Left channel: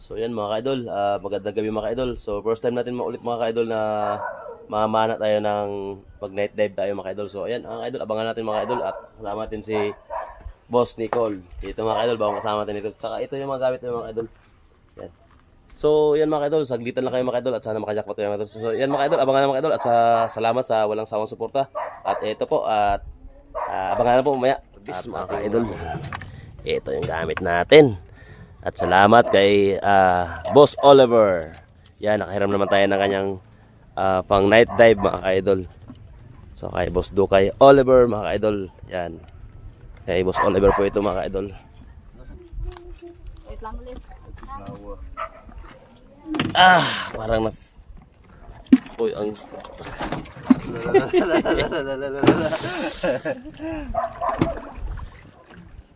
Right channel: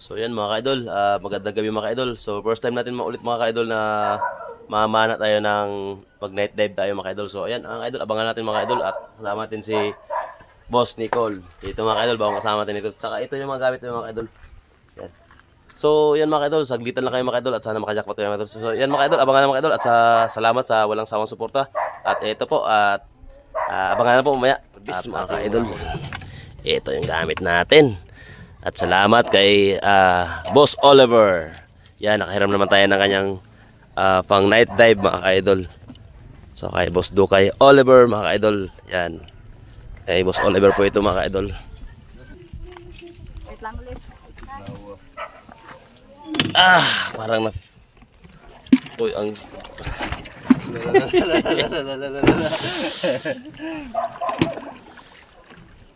So yan mga ka-idol, magandang gabi mga ka-idol. So first time natin maulit mga ka-idol na mamana tayo ng mag night dive tayo mga ka-idol. So ayan, ang idol, abangan natin mga ka-idol at kasama natin si Boss Nicole. Dito mga ka-idol, bagong kasama natin ito. Tsaka ito yung mga gamit ng mga ka-idol. Yan. So yan mga ka-idol, saglitan lang kayo mga ka-idol at sana makajackpot tayo mga ka-idol. So yan mga ka-idol, abangan na mga ka-idol at salamat sa walang sawang suporta. At ito po at abangan na po mamaya. At mga ka-idol, ito yung gamit natin. At salamat kay Boss Oliver. Yan, nakahiram naman tayo ng kanyang pang night dive mga ka-idol. So kay Boss Dukay Oliver mga ka-idol. Yan. Kay Boss Oliver po ito mga ka-idol. Wait lang ulit. Parang na... Uy, ang...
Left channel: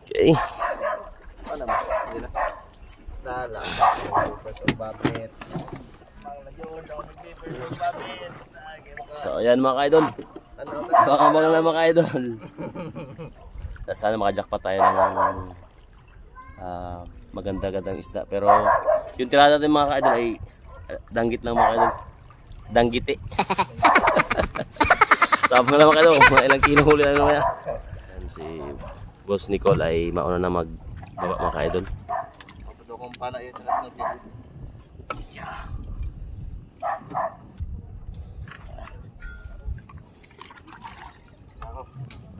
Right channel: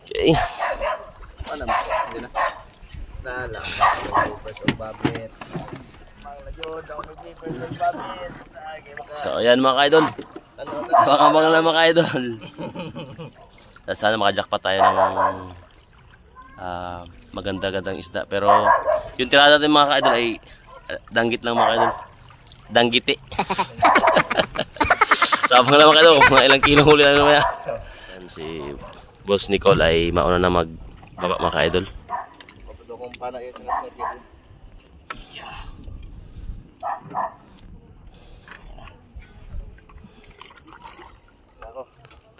Okay. So ayan mga ka-idol. Baka lang mga ka-idol. Sana makajackpot tayo ng maganda-gandang isda. Pero yung tirada natin mga ka-idol ay danggit lang mga ka-idol. Danggiti. So abang lang mga ka-idol, mga ilang kilo huli na naman. Yan si Boss Nicole ay mauna na magbaba mga ka-idol.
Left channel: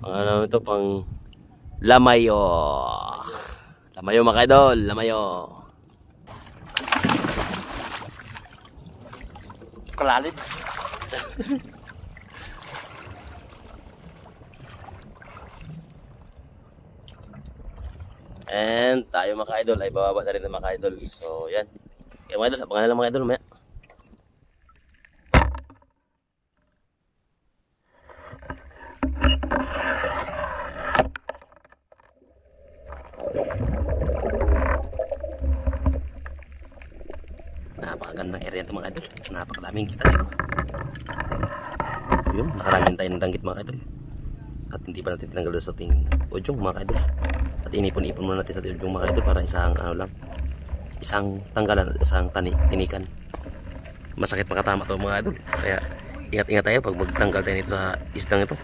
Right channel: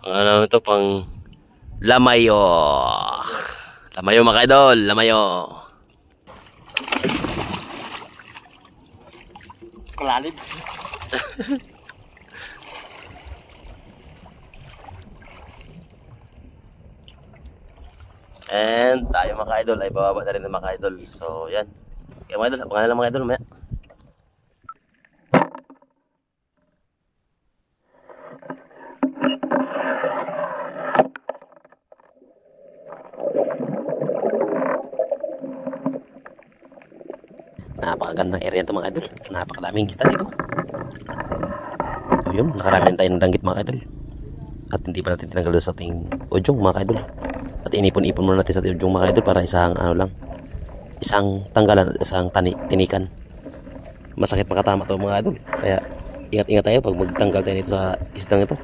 Ano ito pang lamayo. Lamayo mga ka-idol, lamayo. Kalalim. And tayo mga ka-idol ay bababa na rin ng mga ka-idol. So yan. Kaya mga idol, abangan lang mga idol mamaya. Napakagandang area ito mga idol. Napakadaming isda dito. Ayun, nakarami tayo ng danggit mga idol. At hindi pa natin tinanggal sa ating ujong mga idol. At inipon-ipon muna natin sa ating ujong mga idol para isang ano lang. Isang tanggalan at isang tinikan. Masakit makatama to mga idol. Kaya ingat-ingat tayo pag magtanggal tayo nito sa isdang ito.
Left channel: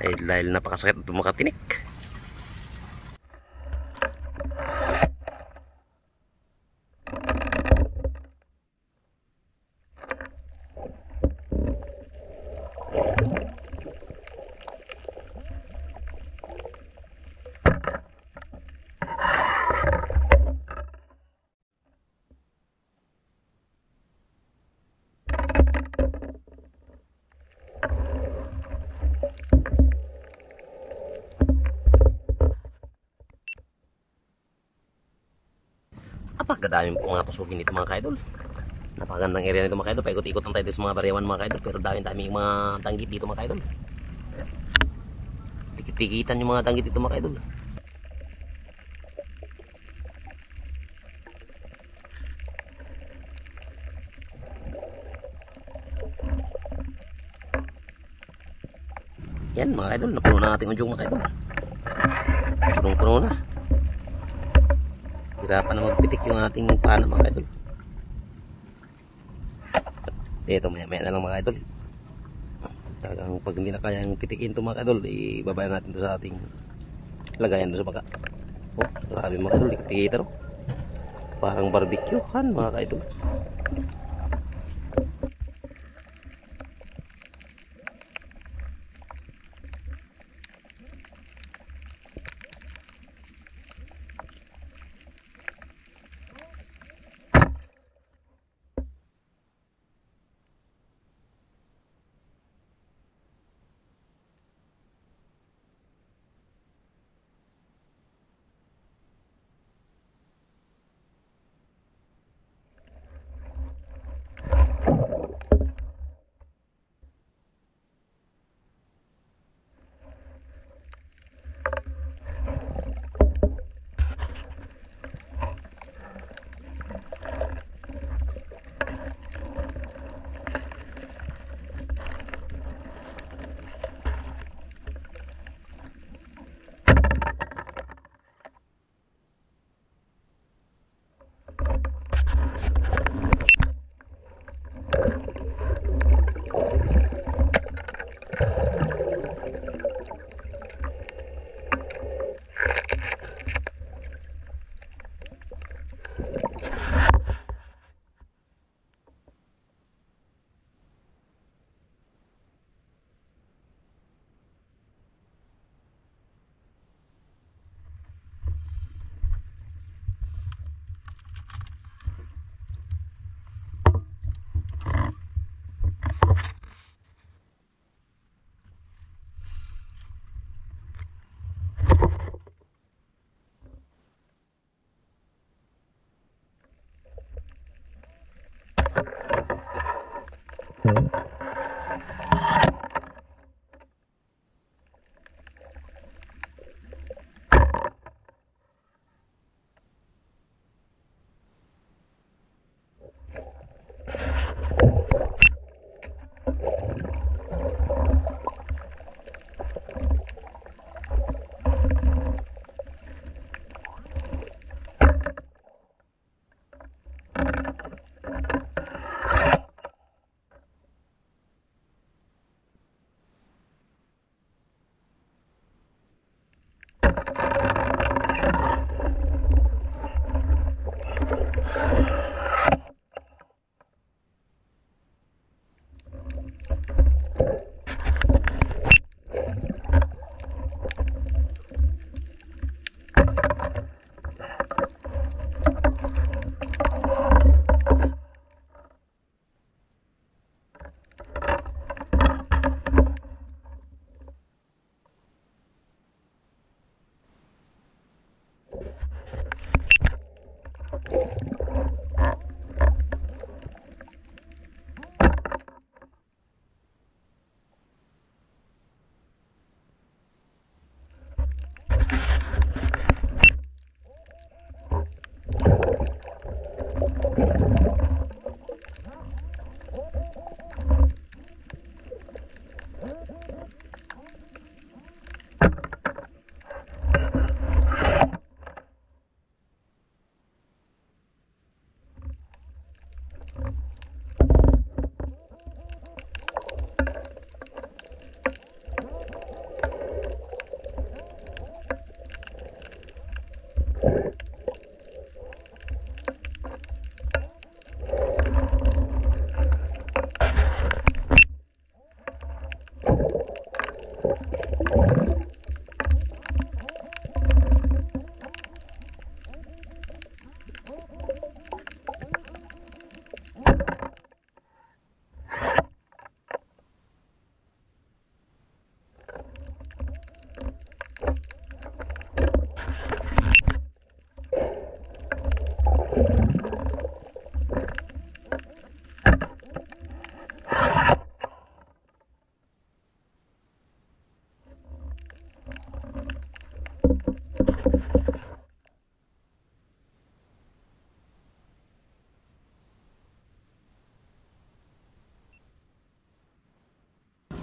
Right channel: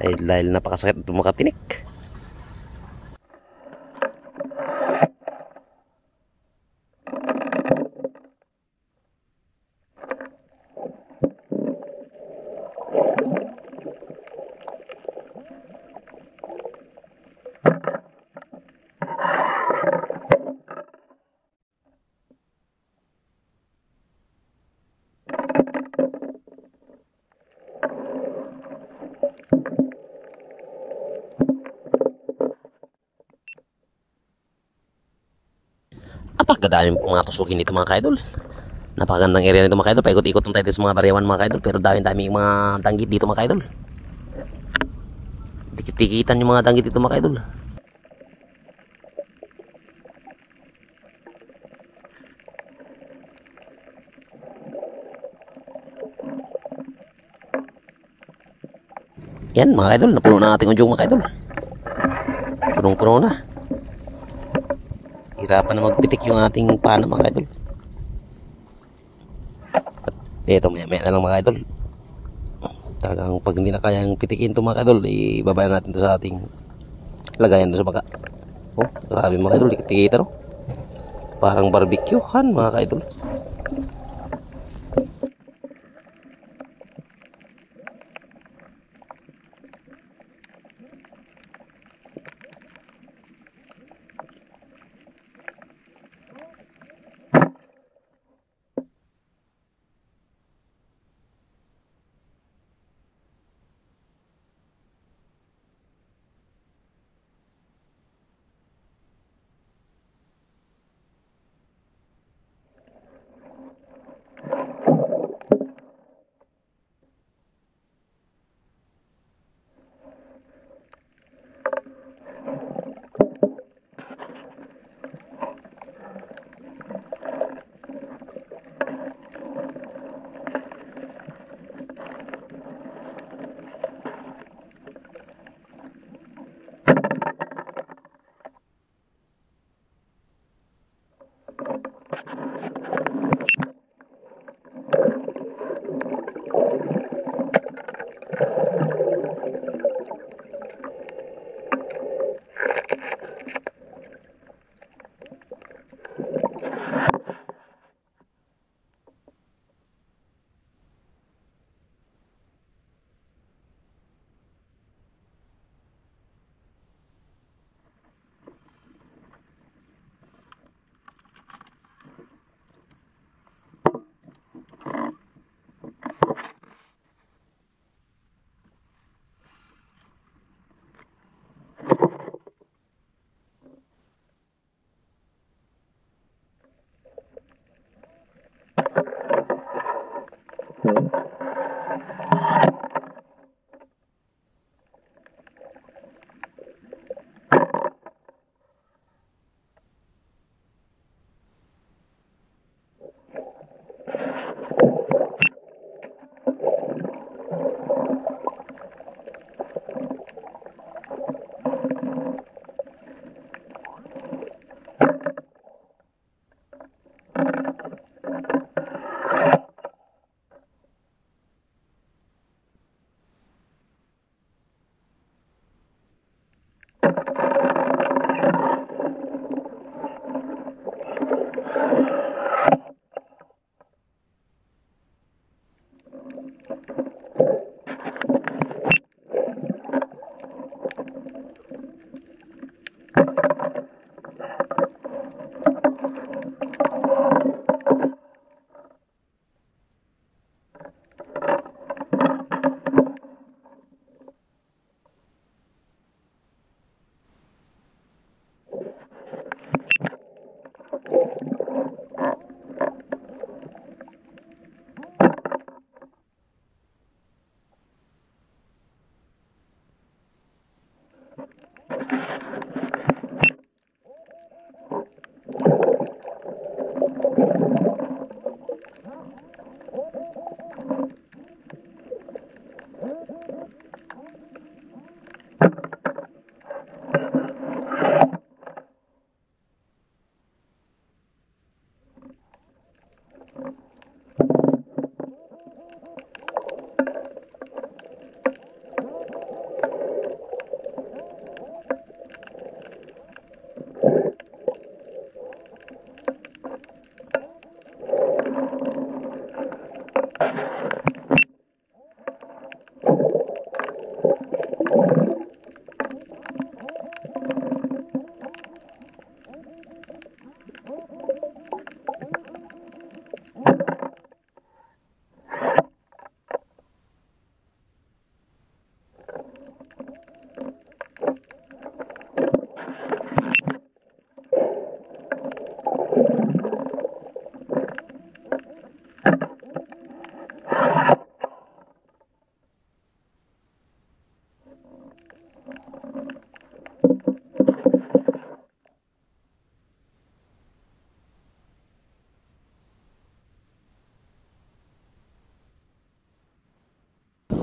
Ay dahil napakasakit at makatinik. Apakadaming mga tusukin dito mga ka-idol. Napakagandang area nito mga ka-idol. Paikot-ikot lang tayo sa mga bariwan mga ka-idol. Pero daming mga danggit dito mga ka-idol. Dikit-dikitan yung mga danggit dito mga ka-idol. Yan mga ka-idol. Napuno na ating ujong mga ka-idol. Punong-puno na. Hirapan na magpitik yung ating pana mga ka-idol. At ito maya-maya na lang mga ka-idol. Talagang pag hindi na kayang pitikin ito mga ka-idol, ibabaya natin ito sa ating lagayan sa baka. Oh, grabe mga ka-idol, dikit-dikita no. Parang barbecuehan mga ka-idol.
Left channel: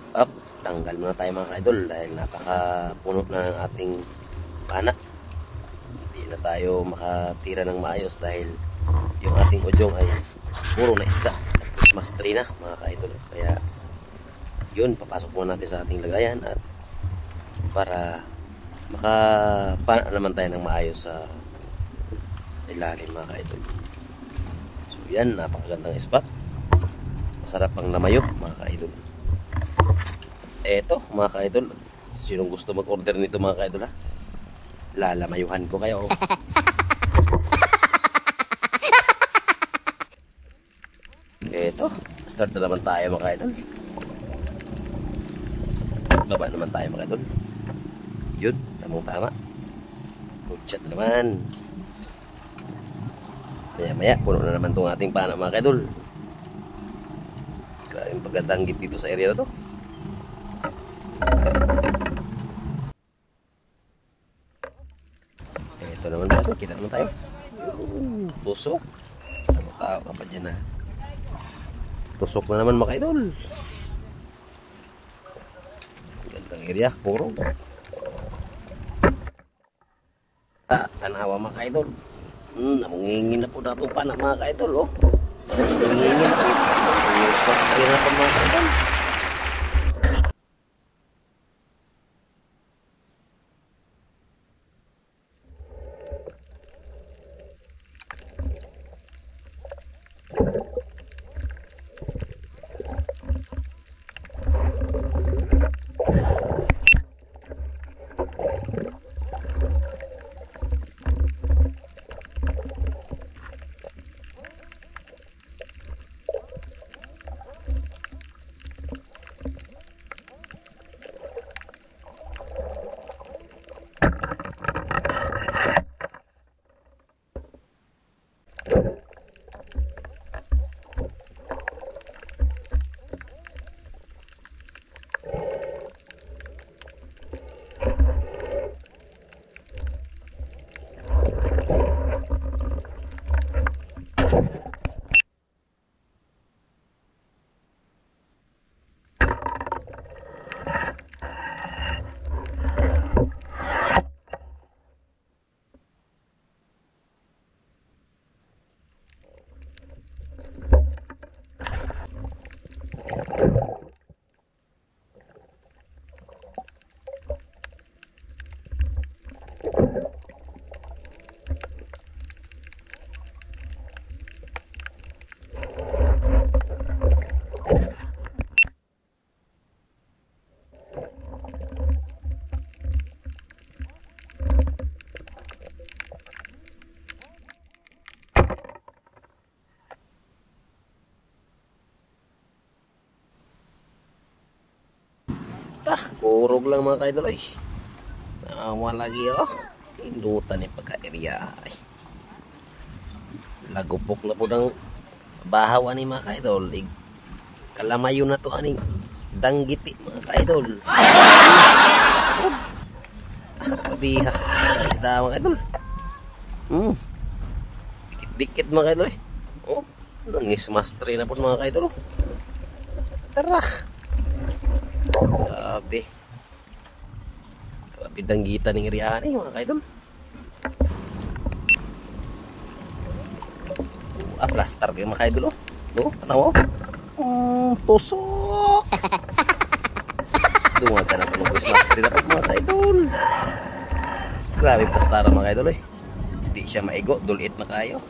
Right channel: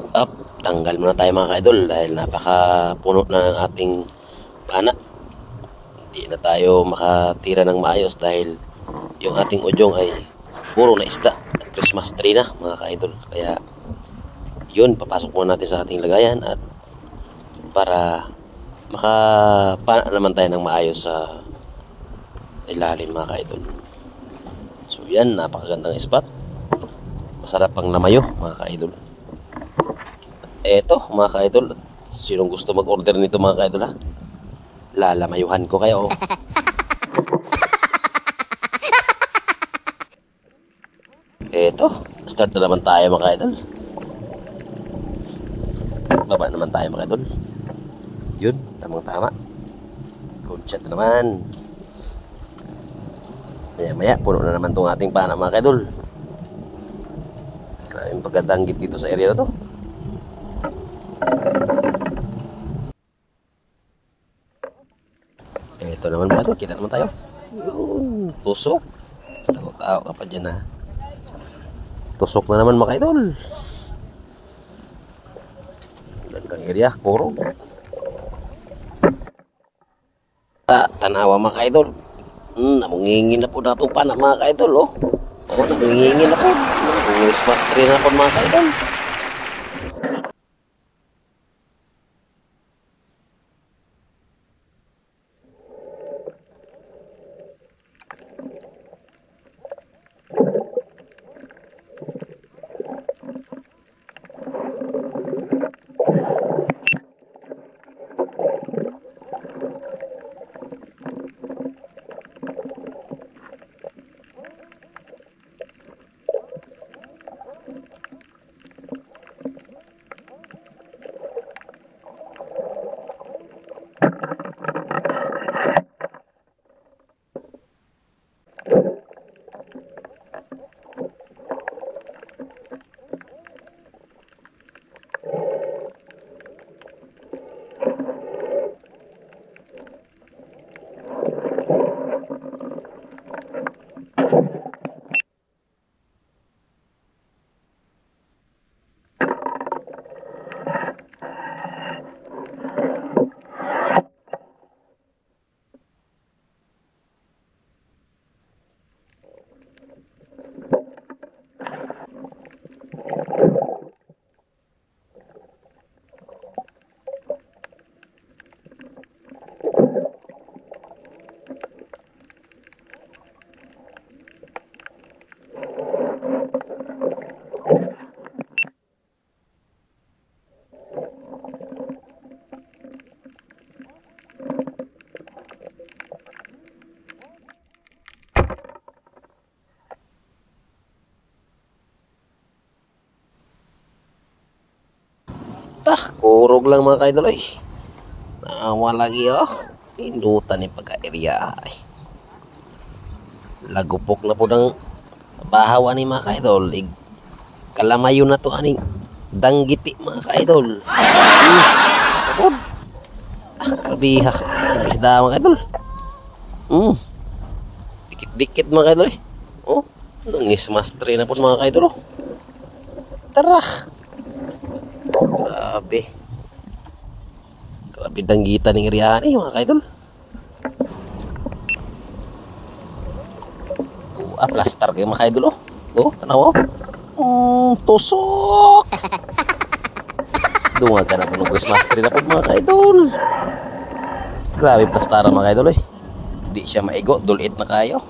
Up, tanggal muna tayo mga ka-idol dahil napakapuno na ng ating pana. Hindi na tayo makatira ng maayos dahil yung ating udyong ay puro na isda. Christmas tree na mga ka-idol. Kaya yun, papasok muna natin sa ating lagayan at para makapana naman tayo ng maayos sa ilalim mga ka-idol. So yan, napakagandang spot. Masarap pang lamayo mga ka-idol. Eto mga ka-idol, sinong gusto mag-order nito mga ka-idol ha? Lalamayuhan ko kayo. Eto, start na naman tayo mga ka-idol. Baba naman tayo mga ka-idol. Yun, tamang tama. Good shot na naman. Maya maya, puno na naman itong ating pana mga ka-idol. Grabe yung pagkadanggit dito sa area na to. Ito naman mga idol, kita naman tayo. Yun, tusok. Tao ka pa dyan ha. Tusok na naman mga idol. Gandang area, puro. Tanawa mga idol. Namungingin na po na itong pana mga idol oh. Namungingin na po. Christmas tree na po mga idol. Kurog lang mga kaidol ay. Nawa lagi oh. Indutan ni pagka-area ay. Lagupok na po ng bahaw ani mga kaidol. Kalamayo na to aning danggiti mga kaidol. Kabihak. Isda mga kaidol. Dikit-dikit mga kaidol eh. Oh, nangis master na po sa mga kaidol oh. Tara. Grabe danggita ng iriyahan eh mga kaidol. Plastar kayo mga kaidol oh. Tanaw oh. Tusok. Dunga na po ng Christmas tree na po mga kaidol. Grabe plastaran mga kaidol eh. Di siya maigo, dulit na kayo.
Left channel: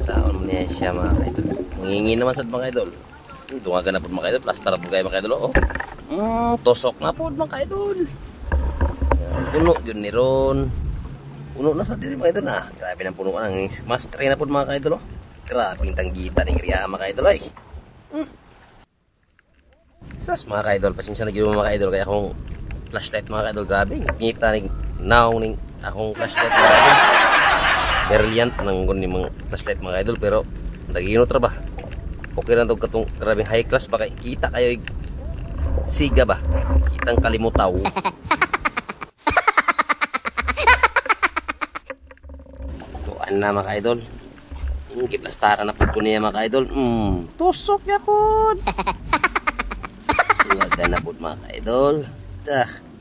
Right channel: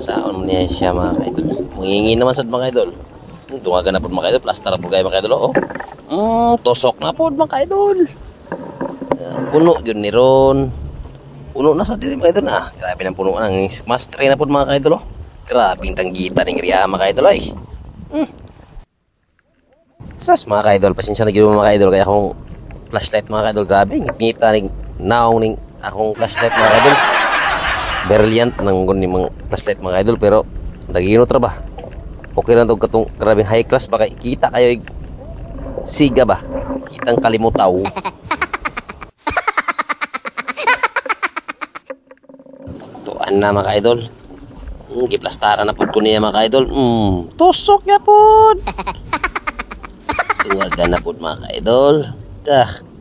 Saan mo niya siya mga kaidol. Mangingi naman sa mga kaidol. Dungagan na po mga kaidol. Plastar po kayo mga kaidol oh. Tusok na po mga kaidol. Puno yun ni Ron. Puno na sa diri mga kaidol na. Grabe ng puno ng master na po mga kaidol oh. Grabing tanggita ng iriya mga kaidol ay. Sas mga kaidol. Pasensya na gino mga kaidol. Kaya akong flashlight mga kaidol. Grabe ngita ng naong ng akong flashlight mga kaidol. Brilliant nang guni mga flashlight mga idol pero nagino tra ba okay lang tong katong grabing high class baka kita kayo siga ba kitang kalimutaw. Tuan na mga idol giplastaran na pud ko niya mga idol. Tusok ya pud. Tungagan na pud mga idol.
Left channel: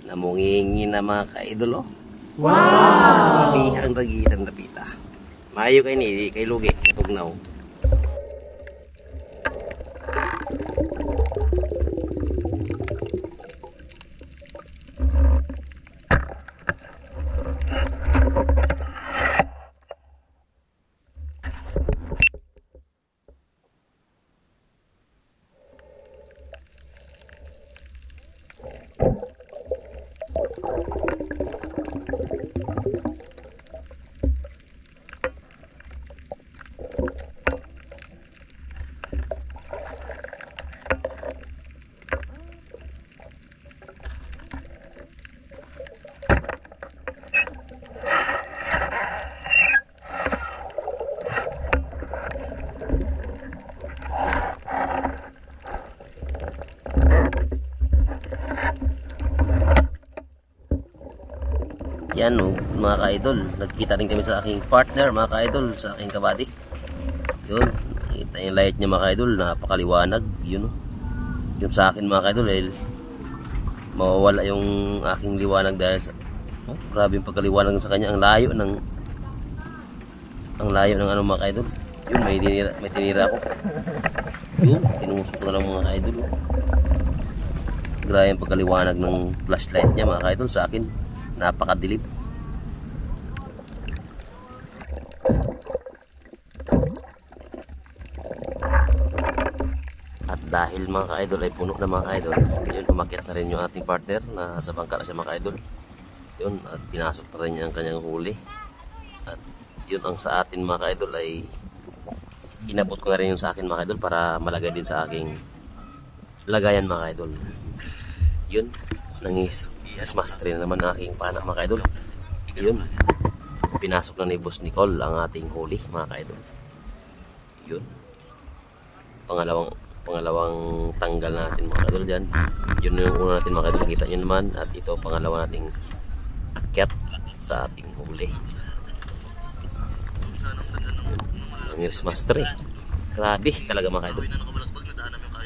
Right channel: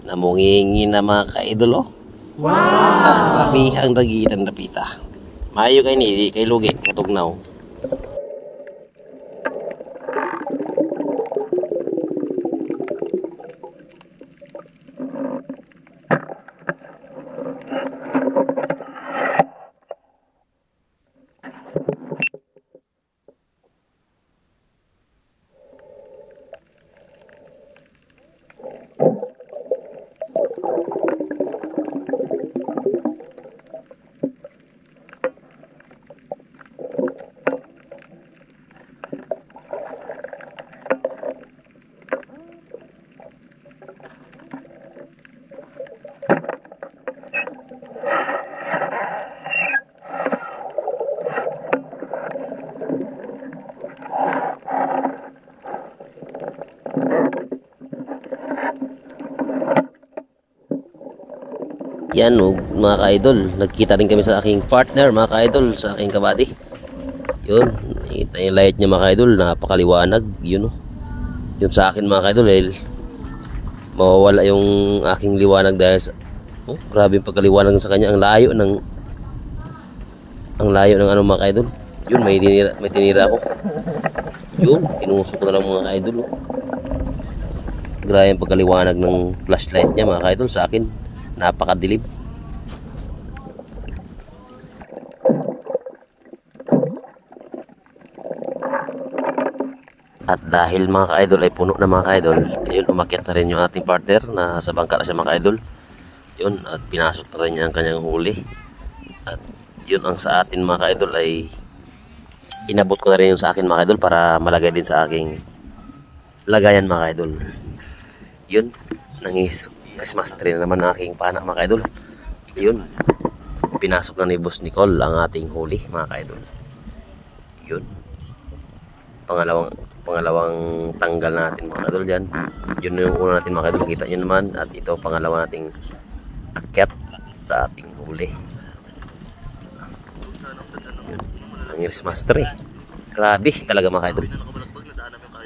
Namungingi na mga idol oh. Wow! Grabe ang dagitan na pita. Mayo kay ni kay lugi katugnaw. Yan mga ka-idol, nagkita rin kami sa aking partner mga ka-idol, sa aking kabady. Yun, kita yung light niya mga ka-idol, napakaliwanag. Yun yun sa akin mga ka-idol, mawawala yung aking liwanag dahil sa grabe yung pagkaliwanag sa kanya. Ang layo ng ano mga ka-idol. Yun, may tinira ako. Yun, tinusok ko na lang mga ka-idol. Grabe yung pagkaliwanag ng flashlight niya mga ka-idol sa akin. Napakadilim. At dahil mga ka-idol ay puno na mga ka-idol, ayun, umakyat na rin yung ating partner na sa bangka na siya mga ka-idol. Yun, at pinasok na rin niya ang kanyang huli. At yun ang sa atin mga ka-idol ay inabot ko na rin yung sa akin mga ka-idol para malagay din sa aking lagayan mga ka-idol. Yun, nangis Christmas tree na naman ng aking pana mga ka-idol. Yun, pinasok na ni Boss Nicole ang ating huli mga ka-idol. Yun, pangalawang tanggal natin mga idol dyan. Yun yung una natin mga idol, kita nyo naman. At ito pangalawa nating akyat sa ating huli. Yun, ang Iris Master eh. Grabe talaga mga idol.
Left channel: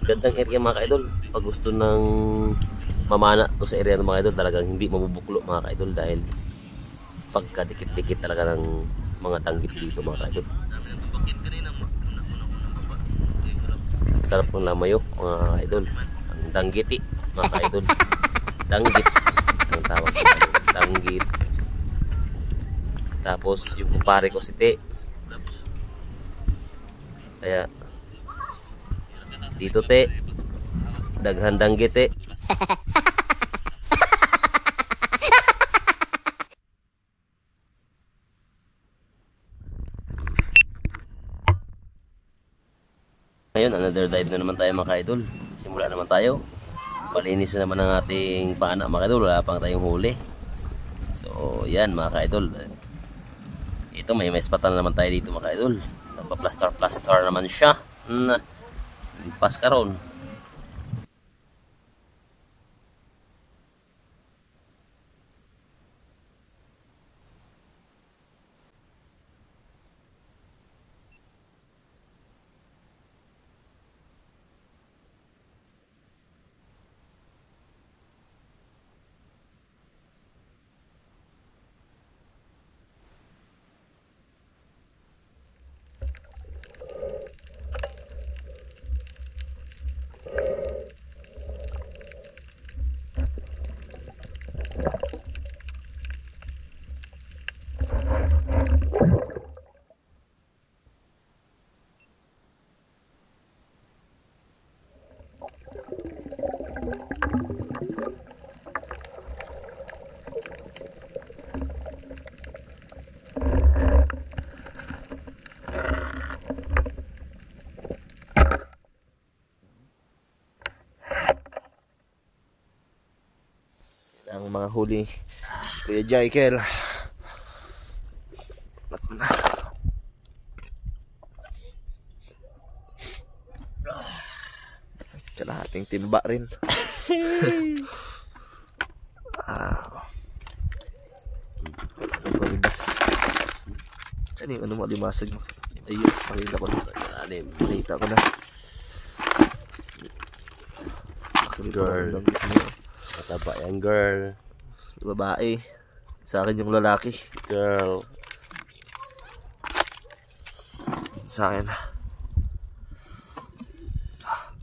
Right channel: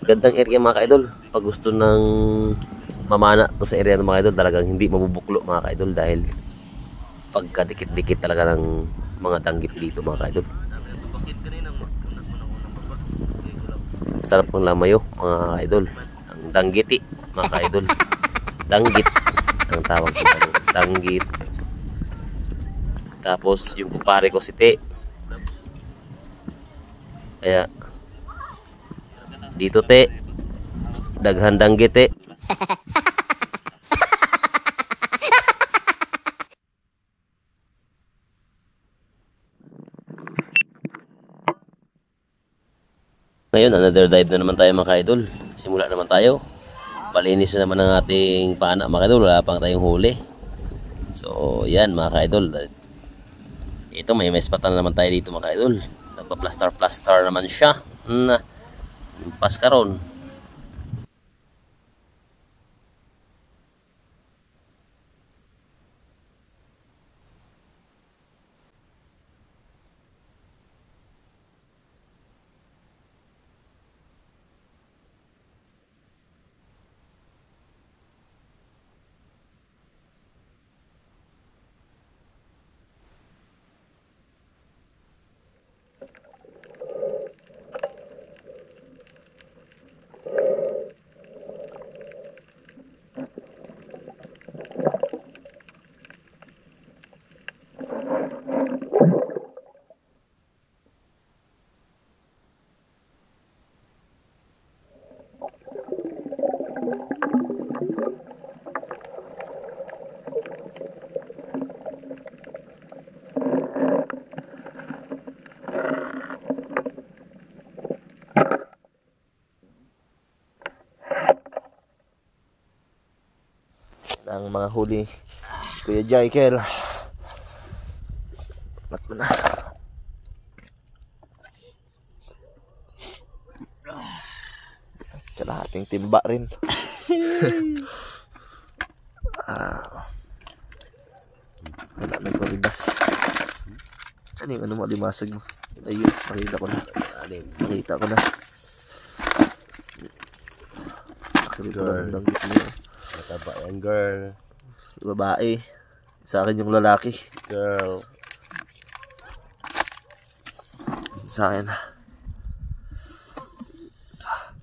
Gandang area mga idol. Pag gusto ng mamana to sa area ng mga idol, talagang hindi mabubuklo mga idol dahil pagkadikit-dikit talaga ng mga danggit dito mga idol. Sarap ng lamayo mga idol. Ang danggiti mga idol. Danggit ang tawag ko. Danggit. Tapos yung kumpare ko si Te. Kaya dito Te, daghan danggit Te. Ngayon, another dive na naman tayo mga idol. Simula naman tayo. Palinis na naman ang ating pana mga idol. Wala pang tayong huli. So, yan mga idol. Ito, may spot na naman tayo dito mga idol. Nagpa-plaster naman siya. Pas karon. Ang mga huli Kuya Jaikel. Mat mo na. Kalahating timba rin. Wala nang koribas. Saan yung ano malimasag mo? Ayun, makita ko na. Makita ko na. Makita ko na ng danggit mo. Mataba yan, girl. Babae. Sa akin yung lalaki. Girl. Sa akin.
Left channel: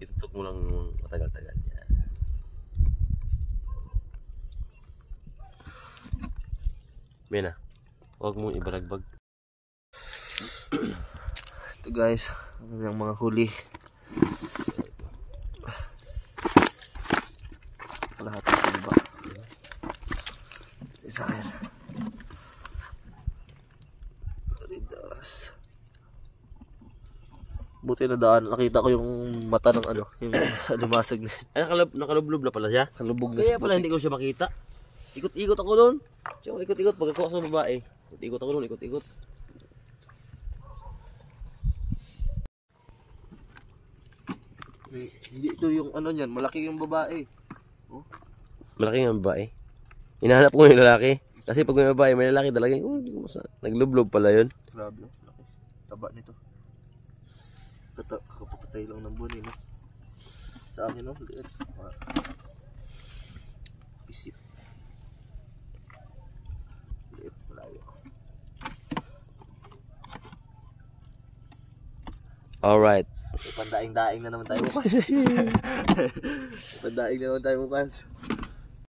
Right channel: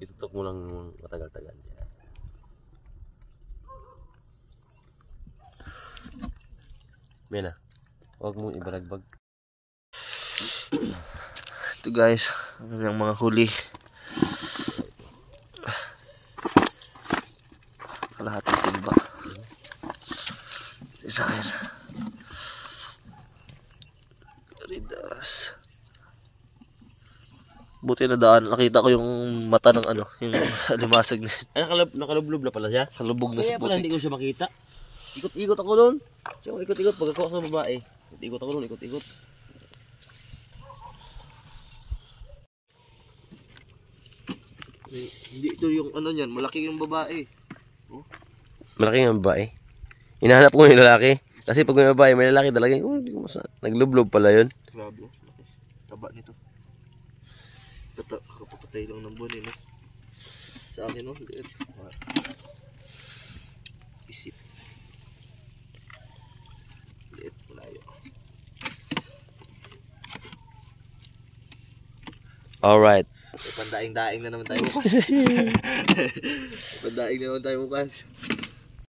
Itutok mo lang matagal-tagal. Yan. Mena, huwag mong ibaragbag. Ito guys, ang mga huli. Kalahating timba. Isa akin. Ridas. Buti na daan. Nakita ko yung mata ng ano, yung limasag na. Ay, nakalublob na pala siya. Kalubog na Kaya sa pala hindi putik. ko siya makita. Ikot-ikot ako doon. So, ikot-ikot pagkakuha sa babae. Ikot-ikot ako doon, ikot-ikot. Hindi ito yung ano niyan, malaki yung babae. Malaki nga babae. Hinahanap ko yung lalaki. Kasi pag may babae, may lalaki talaga. Oh, hindi ko naglublob pala yun. Grabe, laki. Taba nito. Kakapapatay lang ng buwan no? Sa akin no, liit. Isip. Liit, malayo. Alright. Pandaing-daing na naman tayo bukas. Pandaing na naman tayo bukas.